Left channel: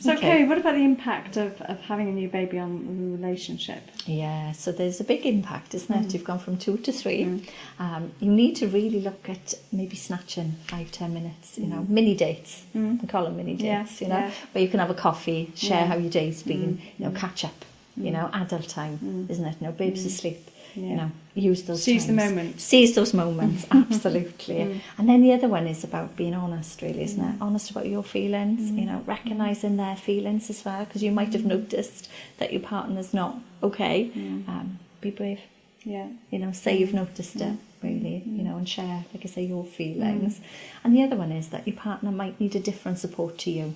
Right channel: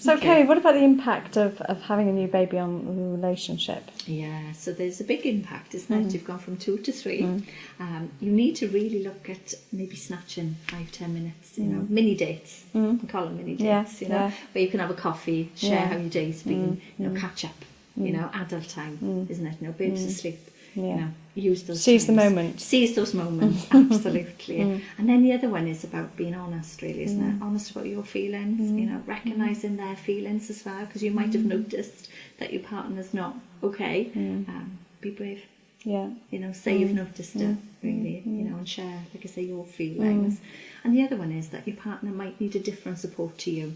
So, Ceri, what about the impact of having a new baby on the relationship? Yeah, so there's a big impact, isn't it? You've gone from 2 to 3. You need to really look at maybe snatching 5-10 minutes, you know, mini dates. We call them mini dates, you know, where you can have a coffee, share how your day's been, you know, catch up, you know, adult time, isn't it? No, baby's asleep. You know, use those Seize the times. moment. Seize those moments, absolutely. And then the other one is about being honest, really, isn't it? Honest about your feelings, you know, recognising their feelings as well, because you might have noticed that your partner's not okay. Be brave. Yeah. You know, say you've noticed it, really, you know, and share, like I say, your feelings. And the other one is that your partner might need a different support to you.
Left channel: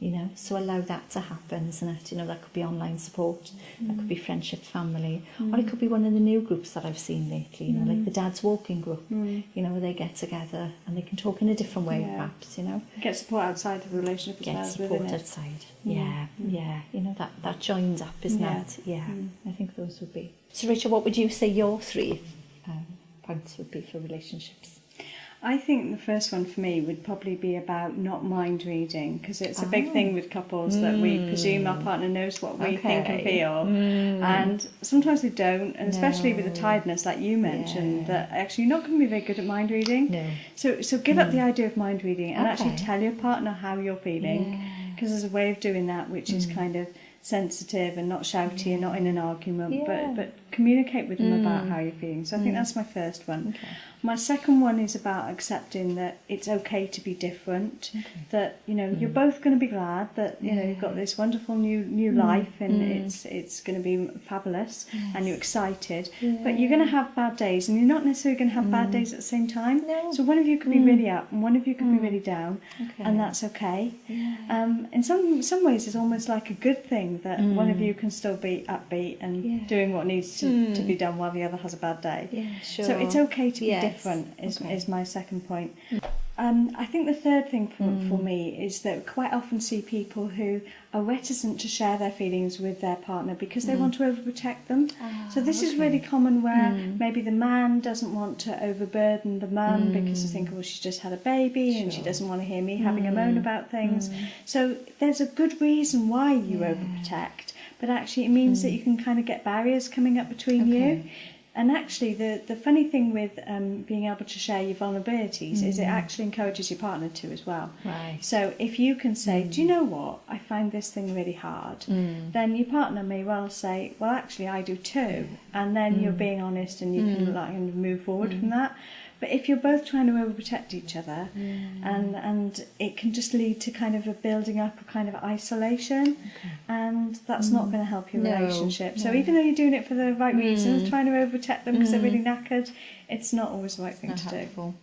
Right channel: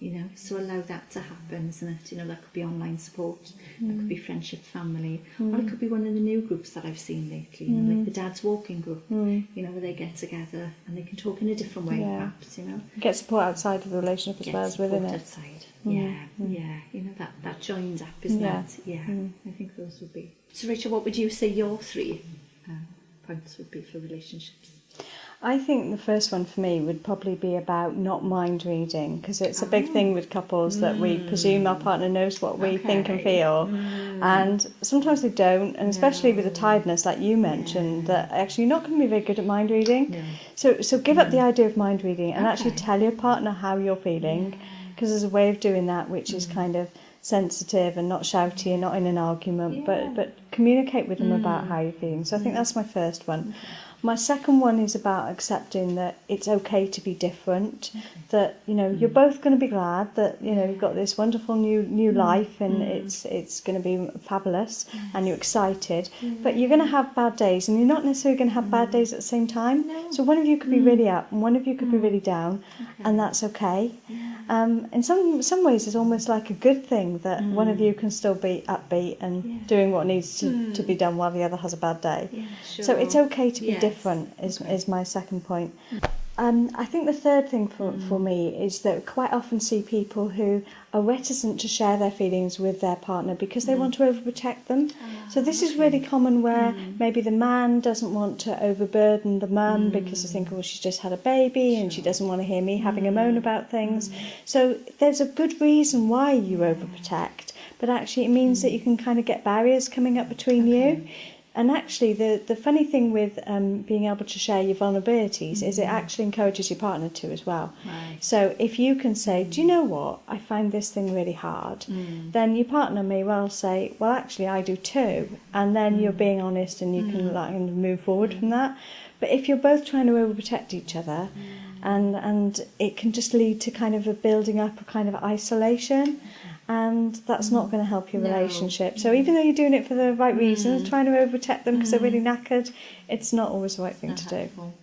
You know, so allow that to happen, isn't it? You know, that could be online support, that could be friendship, family, or it could be one of the new groups that I've seen lately, you know, like the Dad's Walking group, you know, where they get together and they can talk in a different way, perhaps, you know. Get support outside of the relationship as well as within it. Get support outside, yeah, you know, that joins up, isn't it? Yeah, I think those would be. So, Rachel, what would you say your 3 points would be for relationships? I think the first one for me would probably be about not mind reading, because it's a big thing with couples that we presume our partner knows what we think and feel, and sometimes they don't, and especially with the tiredness, like you mentioned, that actually you're not going to be very good at mind reading. No. So give up the idea of mind reading and actually tell your partner how you're feeling, because there's a way of doing that which is kind of sensitive and not shouty and not in an argument, but communicate with them about how you're feeling. So I think that's my first one. My second one is about accepting that it's okay to be different, that, you know, you're both going to be glad that, you know, you've got this wonderful new life and it's going to be fabulous and you're excited, but you're going to have bad days and you're not necessarily going to have bad days at the same time. So one of you could be really up and one of you could be really down, and that's okay. In some ways it's almost like a good thing that one of you can still be upbeat and doing what needs to be done while the other has a bad day. So it's okay to be different is my second point. I think the third thing for me is that I quite often see people who are reticent to share their feelings with their partner because they want to overprotect them. So this is really common where maybe the man doesn't want to overburden the mum because they think, oh, she's just had a baby and she doesn't want to hear me having a moan about things. So there's a good reason why you overprotect, but actually it means that you can kind of get barriers coming up between you. And actually, the funny thing with being able to share your vulnerabilities is it actually encourages your partner to as well. So if you can say, do you know what, I find this thing really hard, then your partner may well say, well, actually, I do too. And then you're being honest and you can like move forward from that. But if you're both trying to overprotect each other, and it can just lead to kind of a building up a kind of isolation, and that's not going to help your relationship. So even though you're doing it for the right reasons, trying to overprotect them because they're really knackered, it's not always the right thing to do.